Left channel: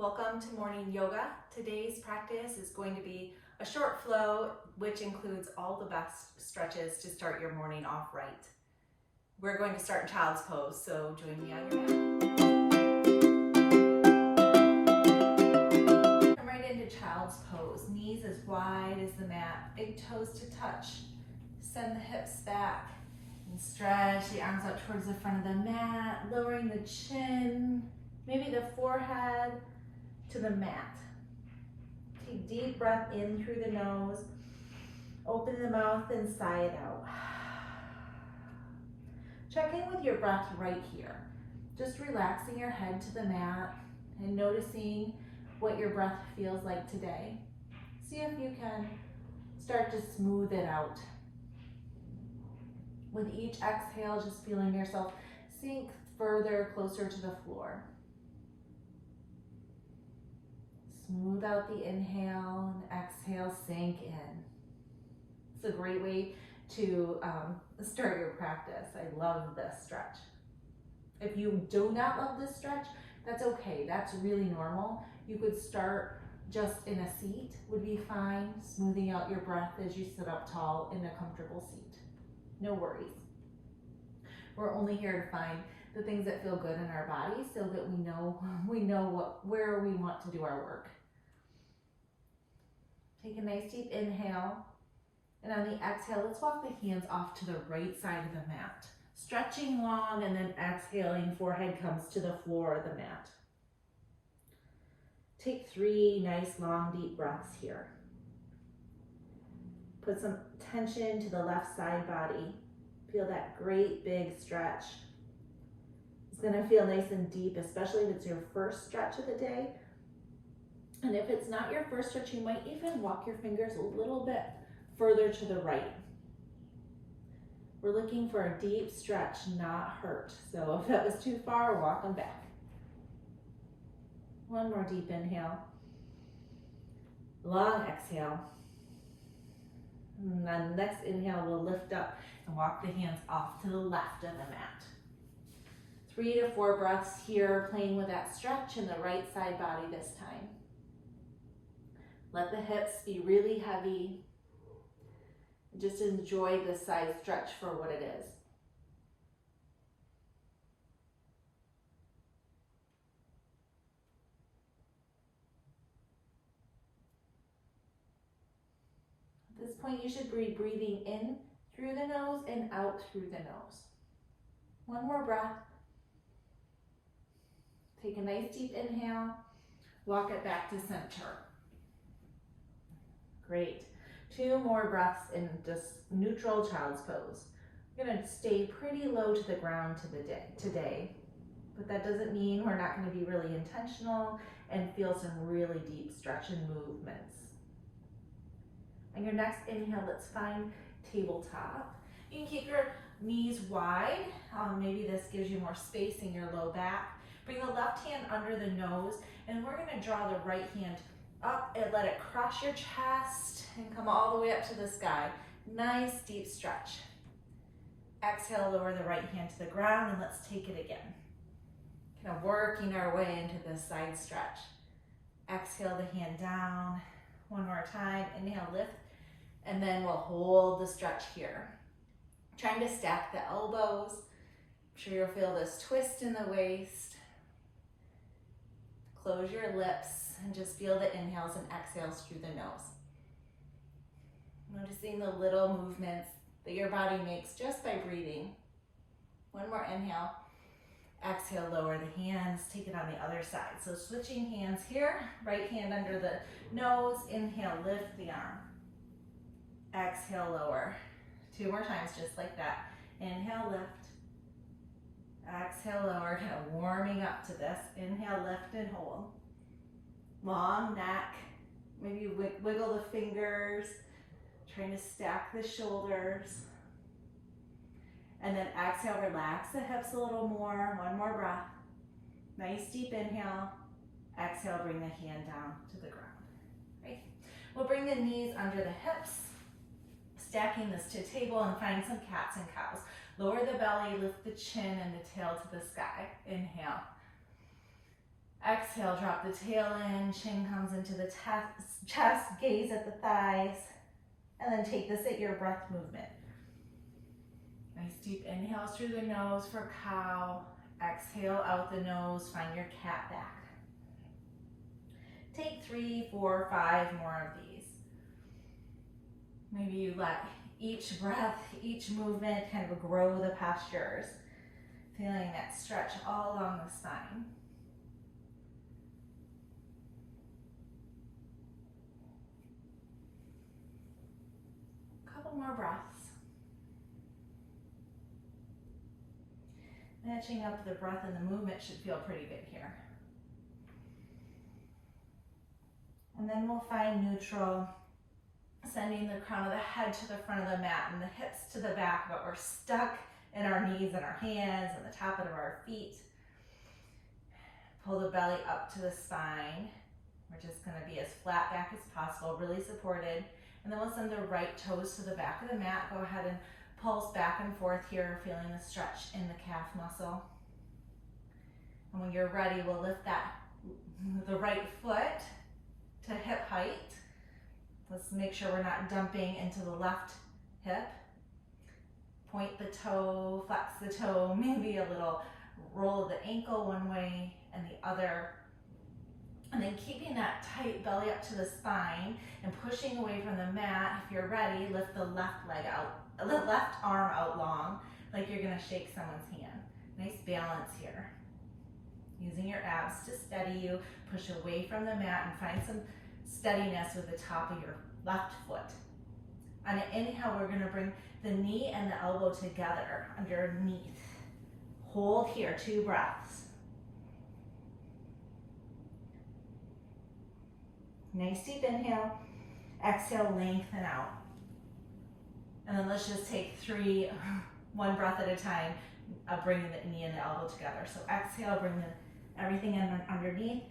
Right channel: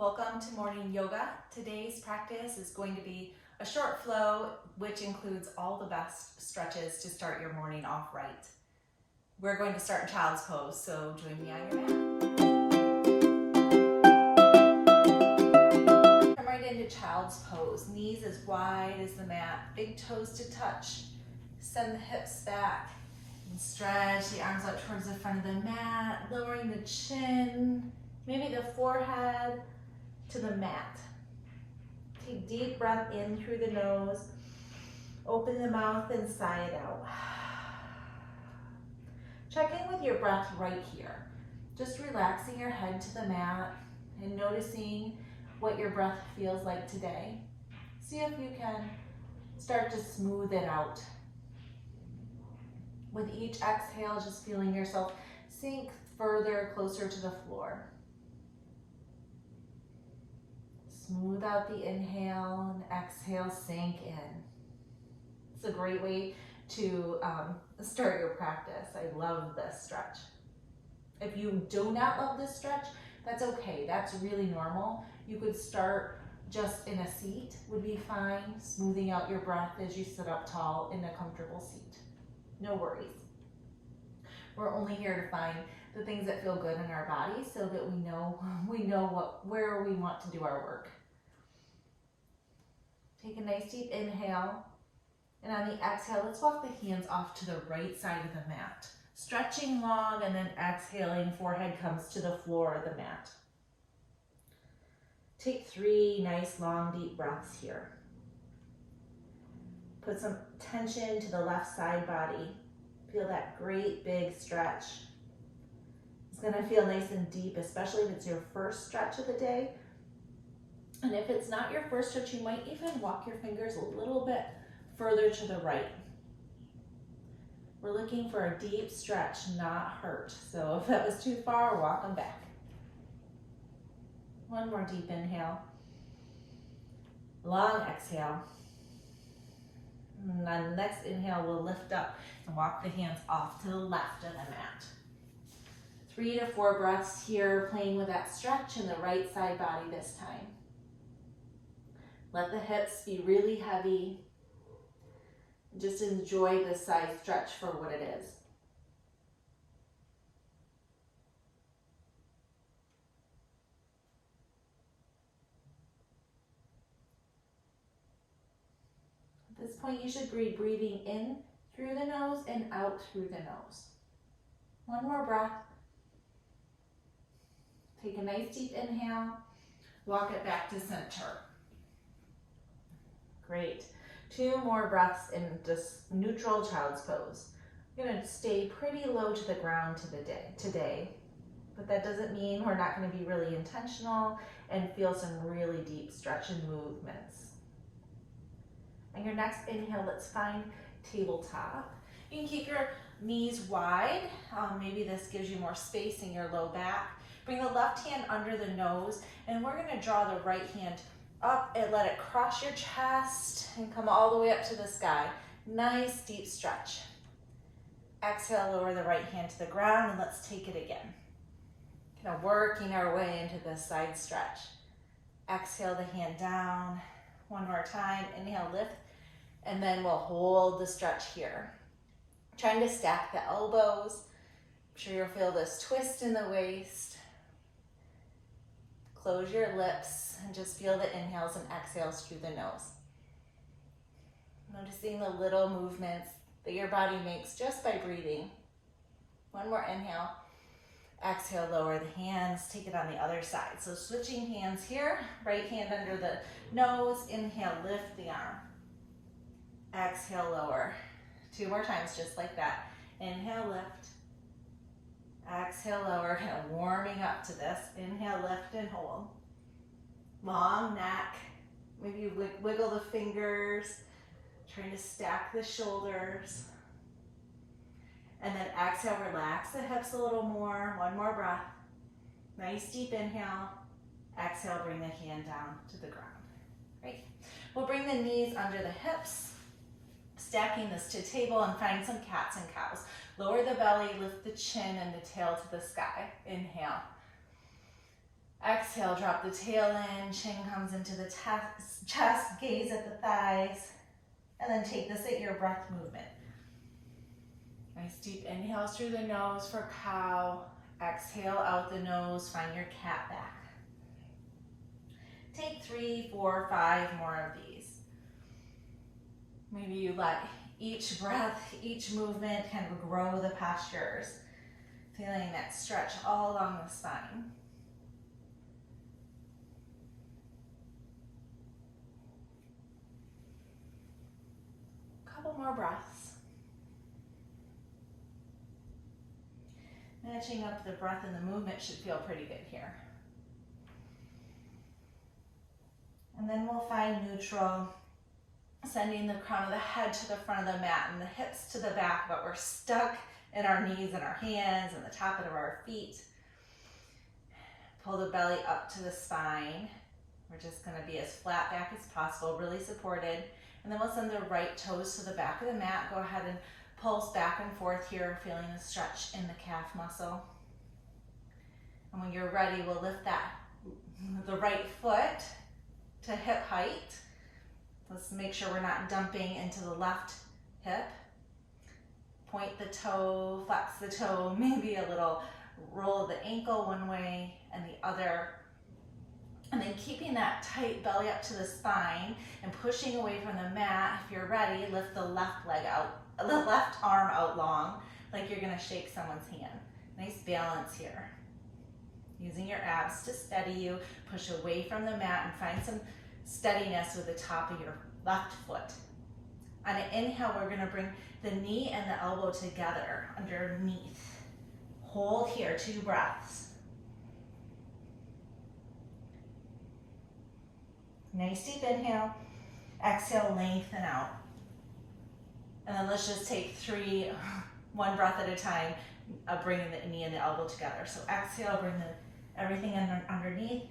Welcome to morning yoga. Today's practice is going to be a short flow, which includes all the best stretches to start your morning off right. We're going to start in child's pose, so join me on your mat. Come right into child's pose. Knees as wide as the mat, big toes to touch. Send the hips back and stretch the arms out towards the front of the mat, lowering the chin, maybe the forehead to the mat. Take deep breath in through the nose, open the mouth and sigh it out. Check in with your breath right here. Just relaxing your head to the mat and noticing what your breath feels like today. See if you can start to smooth it out. With each exhale, just feeling yourself sink further, closer to the floor. Smooth out the inhale and exhale, sink in. It's a great way to start your practice. I love this stretch. If you do not love this stretch, that's okay. That's really normal. You could start just in a seat, would be fine. Smoothing out your breath as you sit up tall in a comfortable seat. No worries. We're only here to find the things that feel good in our body so that we know where we want to do our work. Take a nice deep inhale, and on the exhale, let's walk the hands off to the right side of the mat. Stretching long and then exhaling, forehead comes to the floor of the mat. Take 3 nice long deep breaths here. Put some tension to the left side body. Feel that great big stretch. It's gonna feel nice and deep, especially if it's your first stretch of the day. And if it's not your first stretch, you might even walk your fingers a little bit further to the right. We're looking for a deep stretch, not hurt. So if that was too far, walk them back. One more deep inhale. Long exhale. And on the next inhale, we'll lift up and walk the hands off to the left of the mat. 3 to 4 breaths here, playing with that stretch in the right side body this time. Let the hips be really heavy. Just enjoy the side stretch for what it is. At this point, you should be breathing in through the nose and out through the nose. One more breath. Take a nice deep inhale. Walk it back to center. Great. 2 more breaths in just neutral child's pose. We're gonna stay pretty low to the ground today, but that doesn't mean we're not gonna be really intentional and feel some really deep stretch and movements. On your next inhale, let's find tabletop. You can keep your knees wide. Maybe this gives you more space in your low back. Bring the left hand under the nose, and we're gonna draw the right hand up and let it cross your chest and come all the way up to the sky. Nice deep stretch. Exhale, lower the right hand to the ground, and let's take it again. Kind of working our way into the side stretch. Exhale the hand down. One more time, inhale, lift, and then we'll hold the stretch here. Trying to stack the elbows. I'm sure you'll feel this twist in the waist. Close your lips and just feel the inhales and exhales through the nose. Noticing the little movements that your body makes just by breathing. One more inhale. Exhale, lower the hands, take it on the other side. So switching hands here, right hand under the nose, inhale, lift the arm. Exhale, lower. 2 more times, just like that. Inhale, lift. Exhale, lower, kind of warming up to this. Inhale, lift and hold. Long neck, maybe wiggle the fingers, trying to stack the shoulders. And then exhale, relax the hips a little more. One more breath. Nice deep inhale. Exhale, bring the hand down to the ground. Great. We'll bring the knees under the hips, stacking this to table and find some cats and cows. Lower the belly, lift the chin and the tail to the sky. Inhale. Exhale, drop the tail in, chin comes into the chest, gaze at the thighs, and then take this at your breath movement. Nice deep inhales through the nose for cow. Exhale out the nose, find your cat back. Take 3, 4, 5 more of these. Maybe you let each breath, each movement kind of grow the postures, feeling that stretch all along the spine. Couple more breaths. Matching up the breath and the movement should feel pretty good here. And then we'll find neutral, sending the crown of the head to the front of the mat and the hips to the back, but we're stuck in our knees and our hands and the top of our feet. Pull the belly up to the spine. We're just going to be as flat back as possible, really supported. And then we'll send the right toes to the back of the mat. Go ahead and pulse back and forth here, feeling the stretch in the calf muscle. And when you're ready, we'll lift the right foot to hip height. Let's make sure we're not dumping into the left hip. Point the toe, flex the toe, maybe a little roll of the ankle one way and the other. And then keeping that tight belly up to the spine and pushing away from the mat. If you're ready, lift the left leg out, the left arm out long, like you're gonna shake someone's hand. Nice balance here. Using your abs to steady you, push away from the mat and find some steadiness with the top of your left foot. On an inhale, we're gonna bring the knee and the elbow together underneath. Hold here, 2 breaths. Nice deep inhale. Exhale, lengthen out. And then let's just take 3, 1 breath at a time of bringing the knee and the elbow together. So exhale, bring everything underneath.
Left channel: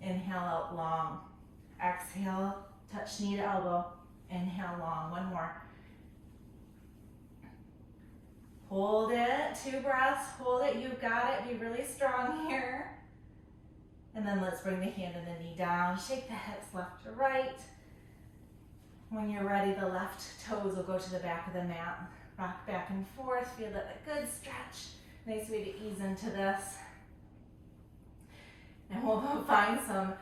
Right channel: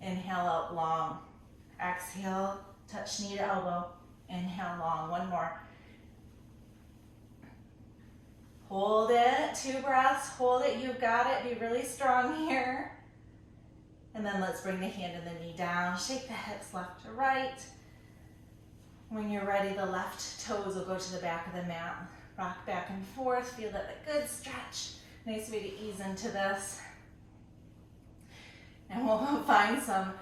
Inhale out long. Exhale, touch knee to elbow. Inhale long, 1 more. Hold it, 2 breaths, hold it, you've got it, be really strong here. And then let's bring the hand and the knee down, shake the hips left to right. When you're ready, the left toes will go to the back of the mat. Rock back and forth, feel that a good stretch. Nice way to ease into this. And we'll find some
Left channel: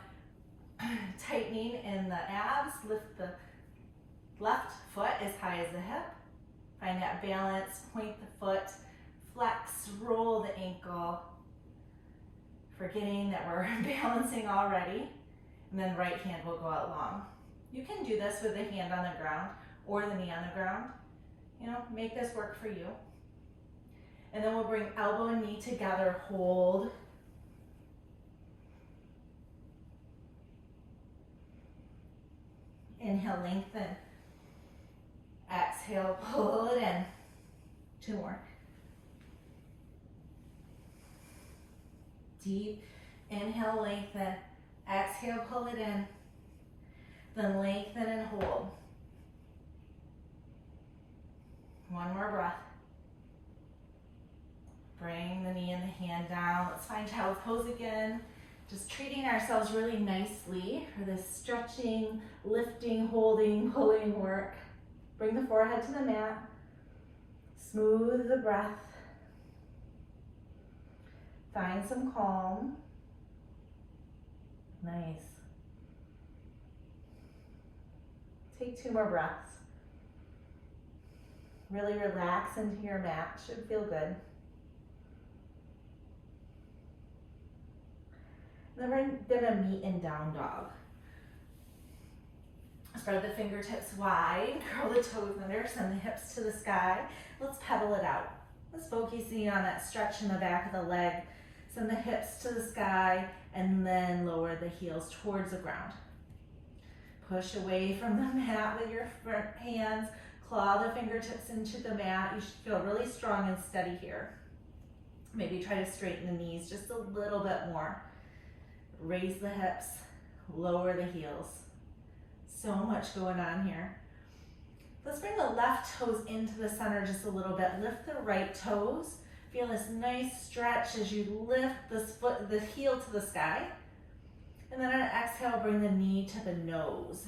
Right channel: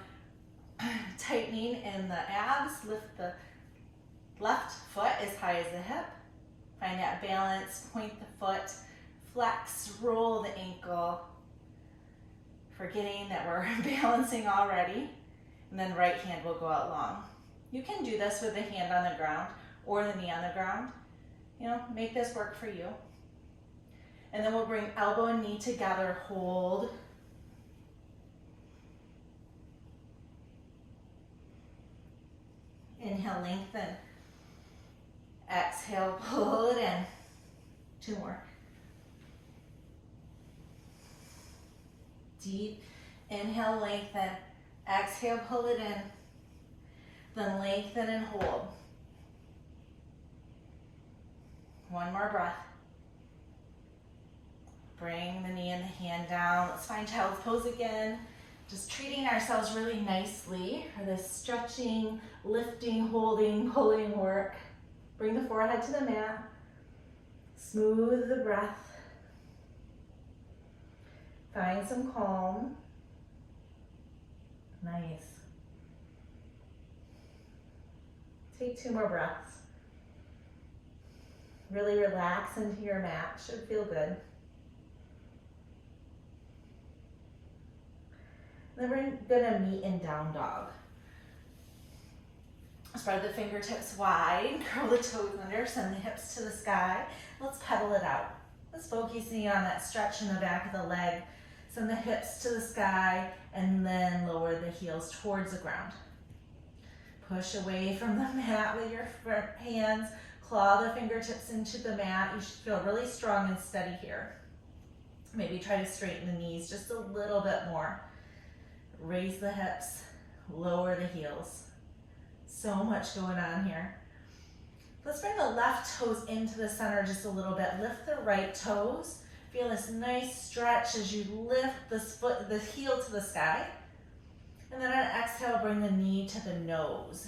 tightening in the abs. Lift the left foot as high as the hip. Find that balance, point the foot, flex, roll the ankle. Forgetting that we're balancing already. And then right hand will go out long. You can do this with the hand on the ground or the knee on the ground. You know, make this work for you. And then we'll bring elbow and knee together, hold. Inhale, lengthen. Exhale, pull it in. 2 more. Deep inhale, lengthen. Exhale, pull it in. Then lengthen and hold. 1 more breath. Bring the knee and the hand down. Let's find child's pose again. Just treating ourselves really nicely for this stretching, lifting, holding, pulling work. Bring the forehead to the mat. Smooth the breath. Find some calm. Nice. Take 2 more breaths. Really relax into your mat. Should feel good. Then we're gonna meet in down dog. Spread the fingertips wide, curl the toes under, send the hips to the sky. Let's pedal it out. Let's focusing on that stretch in the back of the leg. Send the hips to the sky and then lower the heels towards the ground. Push away from the mat with your hands. Claw the fingertips into the mat. You should feel really strong and steady here. Maybe try to straighten the knees just a little bit more. Raise the hips, lower the heels. So much going on here. Let's bring the left toes into the center just a little bit. Lift the right toes. Feel this nice stretch as you lift the heel to the sky. And then on exhale, bring the knee to the nose.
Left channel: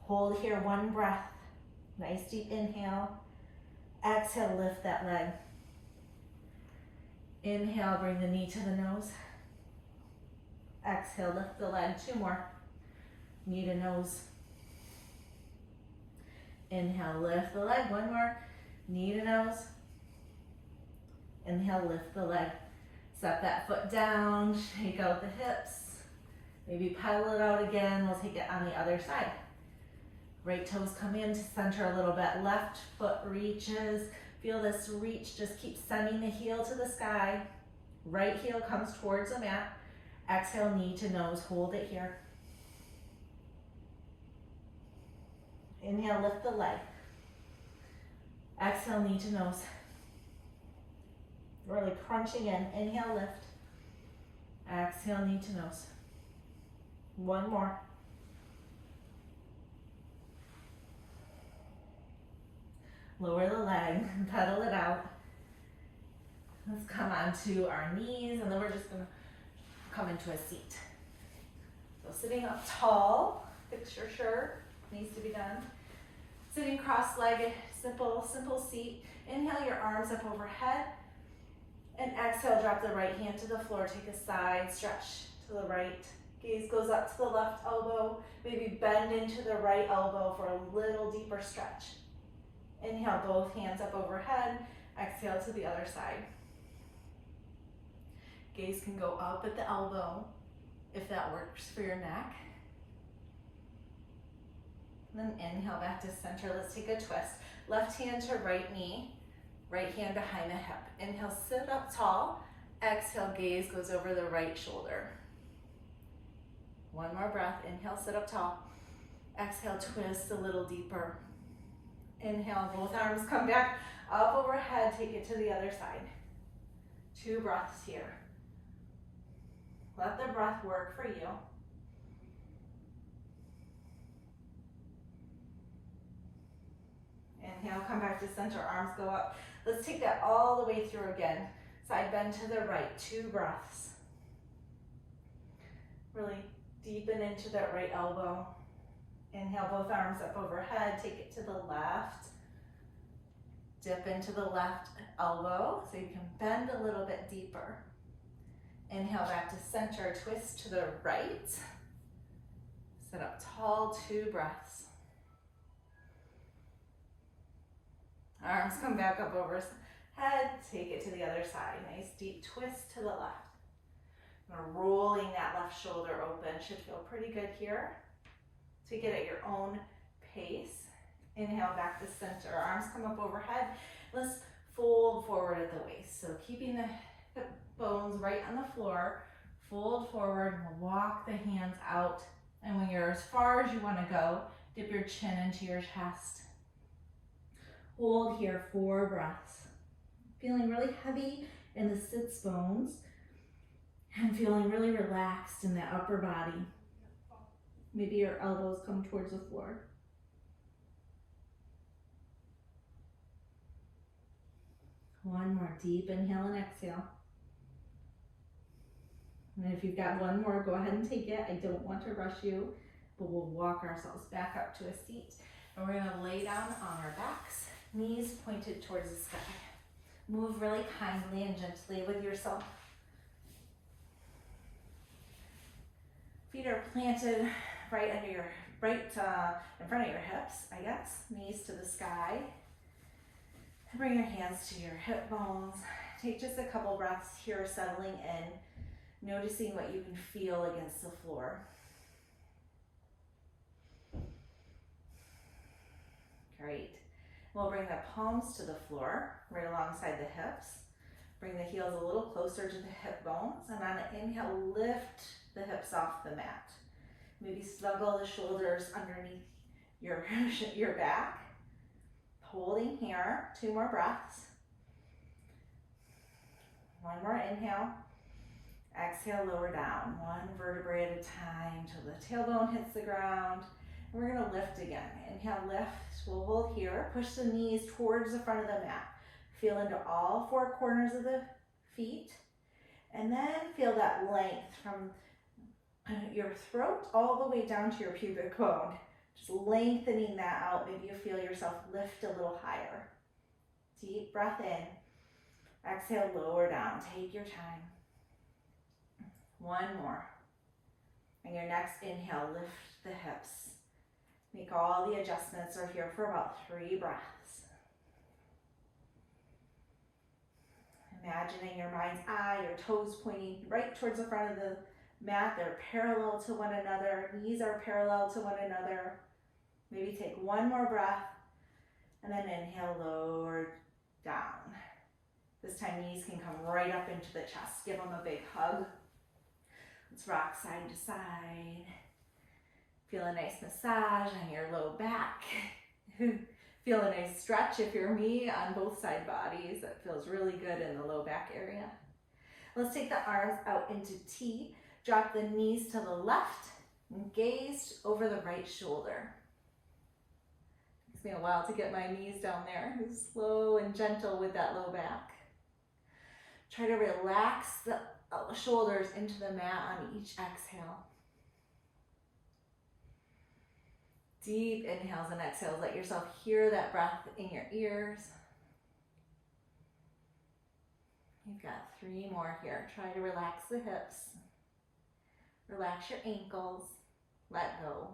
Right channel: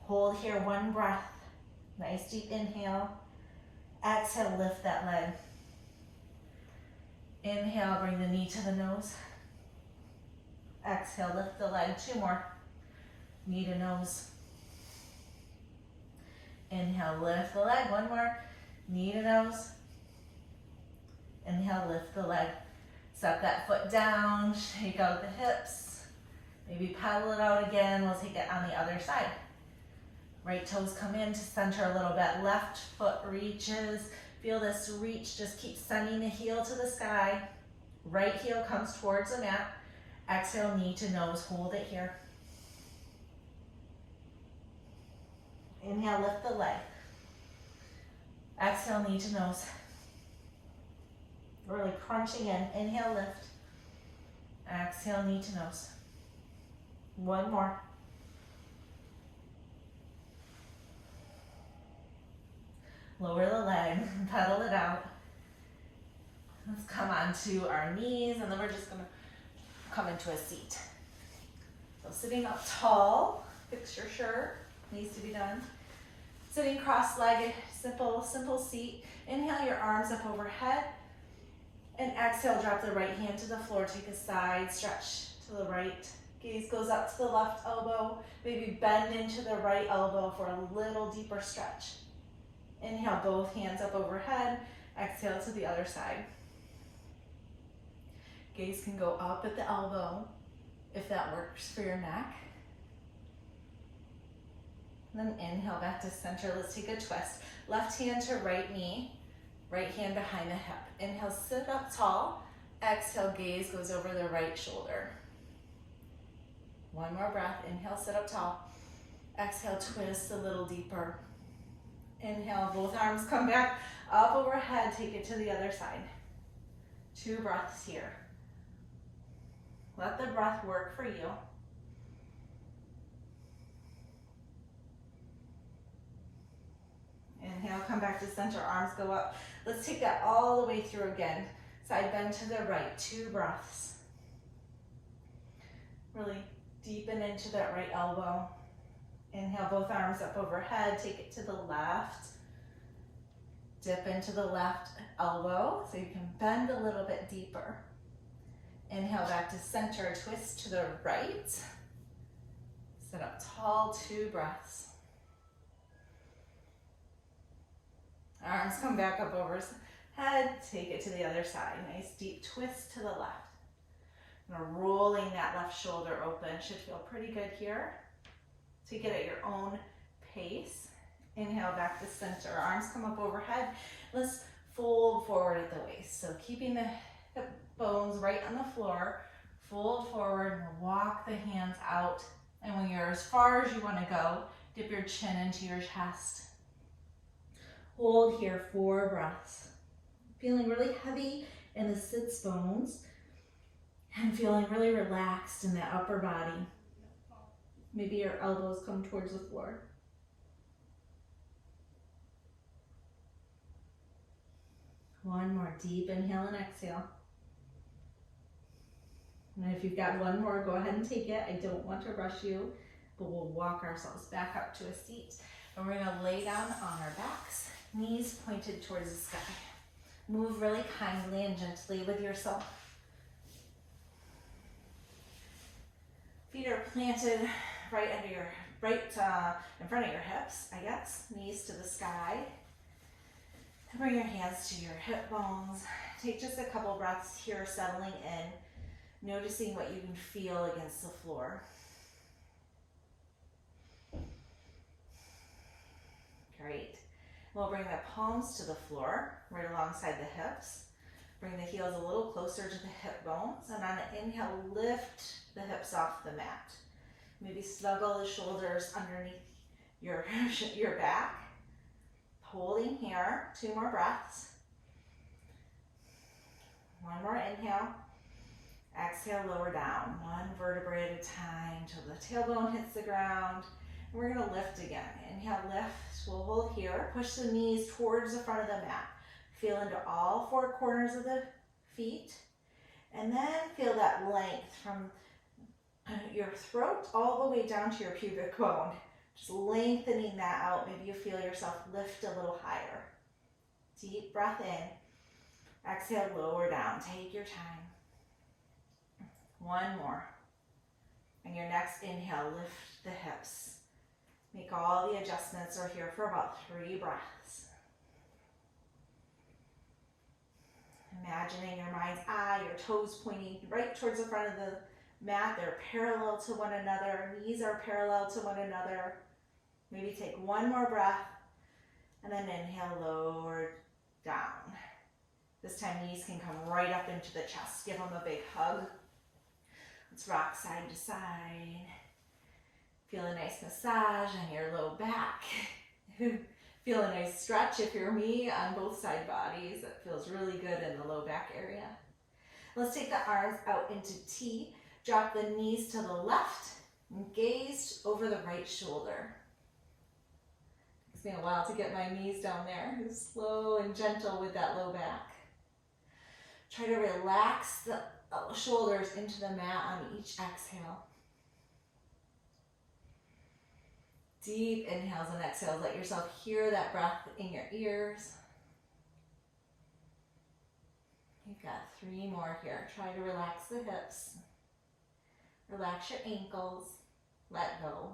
Hold here, one breath. Nice deep inhale. Exhale, lift that leg. Inhale, bring the knee to the nose. Exhale, lift the leg. 2 more. Knee to nose. Inhale, lift the leg. 1 more. Knee to nose. Inhale, lift the leg. Set that foot down. Shake out the hips. Maybe pedal it out again. We'll take it on the other side. Right toes come in to center a little bit. Left foot reaches. Feel this reach. Just keep sending the heel to the sky. Right heel comes towards the mat. Exhale, knee to nose. Hold it here. Inhale, lift the leg. Exhale, knee to nose. Really crunching in. Inhale, lift. Exhale, knee to nose. 1 more. Lower the leg, pedal it out. Let's come onto our knees, and then we're just gonna come into a seat. So sitting up tall, fix your shirt, needs to be done. Sitting cross-legged, simple seat. Inhale your arms up overhead, and exhale, drop the right hand to the floor. Take a side stretch to the right. Gaze goes up to the left elbow. Maybe bend into the right elbow for a little deeper stretch. Inhale, both hands up overhead. Exhale to the other side. Gaze can go up at the elbow if that works for your neck. Then inhale back to center. Let's take a twist. Left hand to right knee. Right hand behind the hip. Inhale, sit up tall. Exhale, gaze goes over the right shoulder. 1 more breath. Inhale, sit up tall. Exhale, twist a little deeper. Inhale, both arms come back up overhead. Take it to the other side. 2 breaths here. Let the breath work for you. Inhale, come back to center, arms go up. Let's take that all the way through again. Side bend to the right, 2 breaths. Really deepen into that right elbow. Inhale, both arms up overhead, take it to the left. Dip into the left elbow so you can bend a little bit deeper. Inhale back to center, twist to the right. Sit up tall, 2 breaths. Arms come back up over head, take it to the other side. Nice deep twist to the left. Rolling that left shoulder open, should feel pretty good here. Take it at your own pace. Inhale back to center, arms come up overhead. Let's fold forward at the waist. So keeping the hip bones right on the floor, fold forward, walk the hands out. And when you're as far as you want to go, dip your chin into your chest. Hold here, 4 breaths. Feeling really heavy in the sits bones and feeling really relaxed in the upper body. Maybe your elbows come towards the floor. One more deep inhale and exhale. And if you've got one more, go ahead and take it. I don't want to rush you, but we'll walk ourselves back up to a seat. And we're gonna lay down on our backs, knees pointed towards the sky. Move really kindly and gently with yourself. Feet are planted right under your, in front of your hips, I guess. Knees to the sky. And bring your hands to your hip bones. Take just a couple breaths here, settling in, noticing what you can feel against the floor. Great. We'll bring the palms to the floor, right alongside the hips. Bring the heels a little closer to the hip bones, and on an inhale, lift the hips off the mat. Maybe snuggle the shoulders underneath your back. Holding here, 2 more breaths. 1 more inhale. Exhale, lower down, 1 vertebrae at a time till the tailbone hits the ground. We're gonna lift again. Inhale, lift. We'll hold here. Push the knees towards the front of the mat. Feel into all four corners of the feet. And then feel that length from your throat all the way down to your pubic bone. Just lengthening that out. Maybe you feel yourself lift a little higher. Deep breath in. Exhale, lower down. Take your time. One more. And your next inhale, lift the hips. Make all the adjustments. We're here for about 3 breaths. Imagining your mind's eye, your toes pointing right towards the front of the mat. They're parallel to one another. Knees are parallel to one another. Maybe take one more breath and then inhale, lower down. This time knees can come right up into the chest. Give them a big hug. Let's rock side to side. Feel a nice massage on your low back. Feel a nice stretch if you're me on both side bodies. That feels really good in the low back area. Let's take the arms out into T. Drop the knees to the left and gaze over the right shoulder. Takes me a while to get my knees down there. Slow and gentle with that low back. Try to relax the shoulders into the mat on each exhale. Deep inhales and exhales. Let yourself hear that breath in your ears. You've got 3 more here. Try to relax the hips. Relax your ankles. Let go.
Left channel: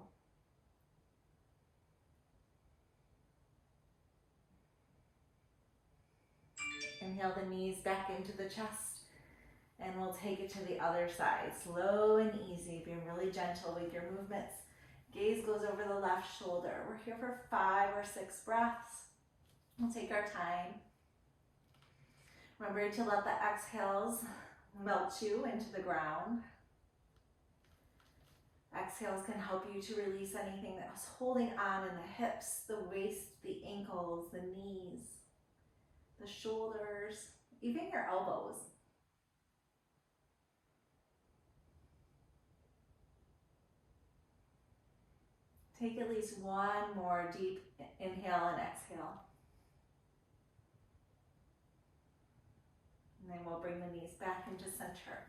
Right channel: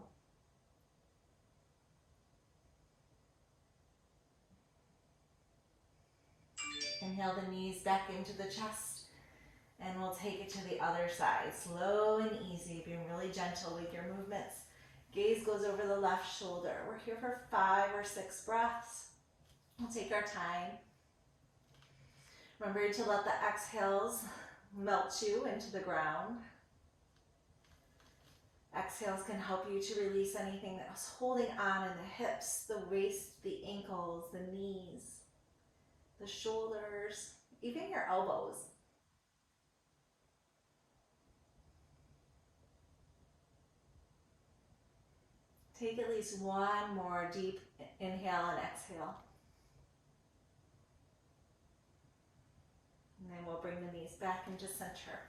Inhale the knees back into the chest. And we'll take it to the other side. Slow and easy, being really gentle with your movements. Gaze goes over the left shoulder. We're here for 5 or 6 breaths. We'll take our time. Remember to let the exhales melt you into the ground. Exhales can help you to release anything that was holding on in the hips, the waist, the ankles, the knees, the shoulders, even your elbows. Take at least 1 more deep inhale and exhale. And then we'll bring the knees back into center.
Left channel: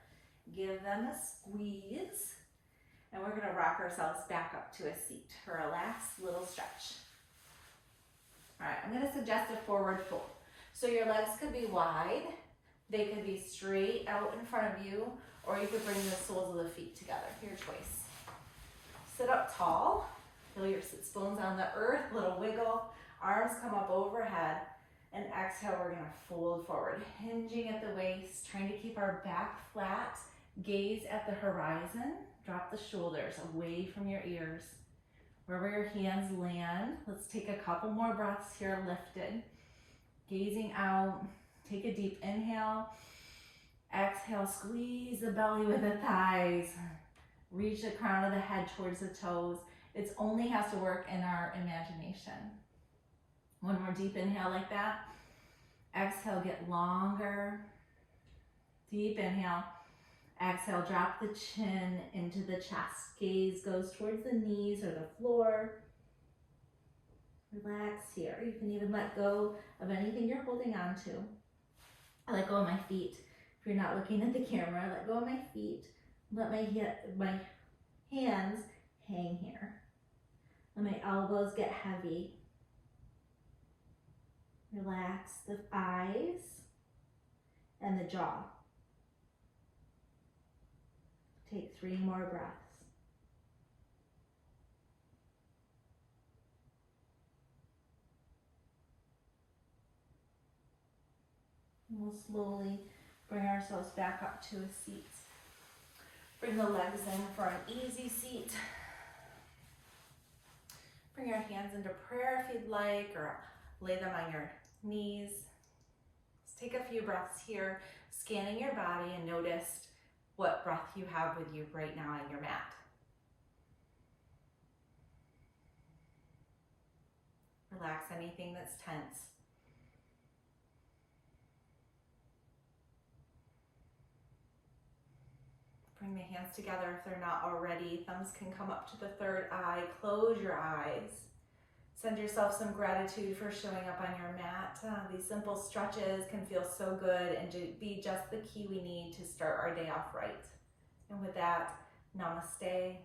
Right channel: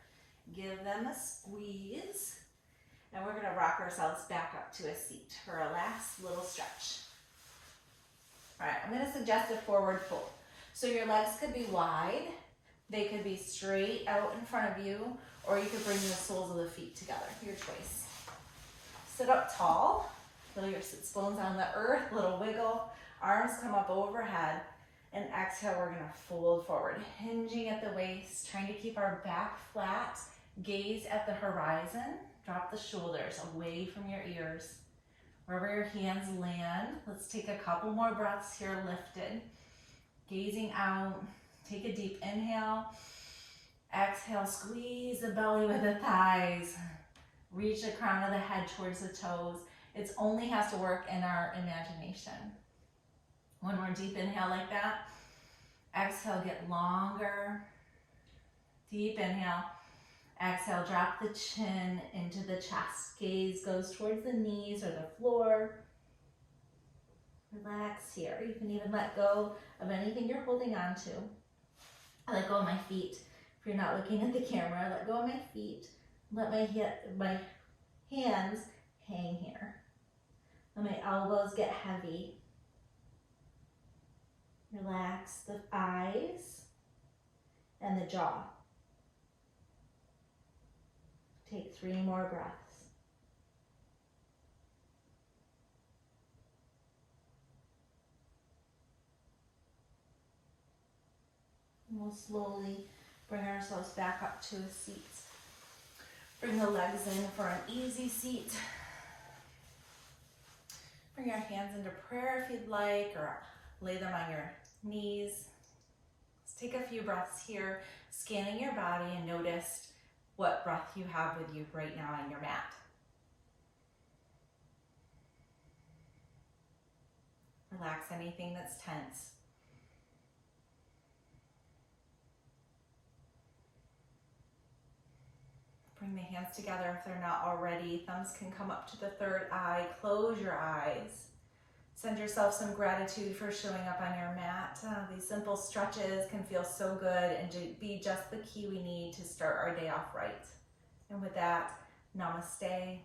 Give them a squeeze. And we're going to rock ourselves back up to a seat for a last little stretch. All right, I'm going to suggest a forward fold. So your legs could be wide. They could be straight out in front of you, or you could bring the soles of the feet together. Your choice. Sit up tall. Feel your sits bones on the earth, little wiggle. Arms come up overhead. And exhale, we're gonna fold forward, hinging at the waist, trying to keep our back flat. Gaze at the horizon. Drop the shoulders away from your ears. Wherever your hands land, let's take a couple more breaths here, lifted. Gazing out, take a deep inhale. Exhale, squeeze the belly with the thighs. Reach the crown of the head towards the toes. It only has to work in our imagination. 1 more deep inhale like that. Exhale, get longer. Deep inhale. Exhale, drop the chin into the chest. Gaze goes towards the knees or the floor. Relax here. You can even let go of anything you're holding on to. I let go of my feet. If you're not looking at the camera, let go of my feet. Let my hands hang here. Let my elbows get heavy. Relax the eyes and the jaw. Take 3 more breaths. And we'll slowly bring ourselves back up to a seat. Bring the legs in for an easy seat. Bring your hands into prayer if you'd like, or lay them on your knees. Let's take a few breaths here, scanning your body and notice what breath you have with you right now on your mat. Relax anything that's tense. Bring the hands together if they're not already. Thumbs can come up to the third eye. Close your eyes. Send yourself some gratitude for showing up on your mat. These simple stretches can feel so good and be just the key we need to start our day off right. And with that, namaste.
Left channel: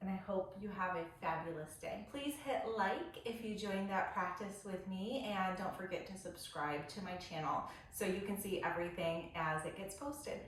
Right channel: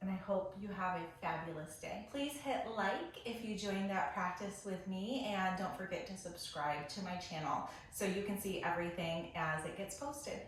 And I hope you have a fabulous day. Please hit like if you joined that practice with me, and don't forget to subscribe to my channel so you can see everything as it gets posted.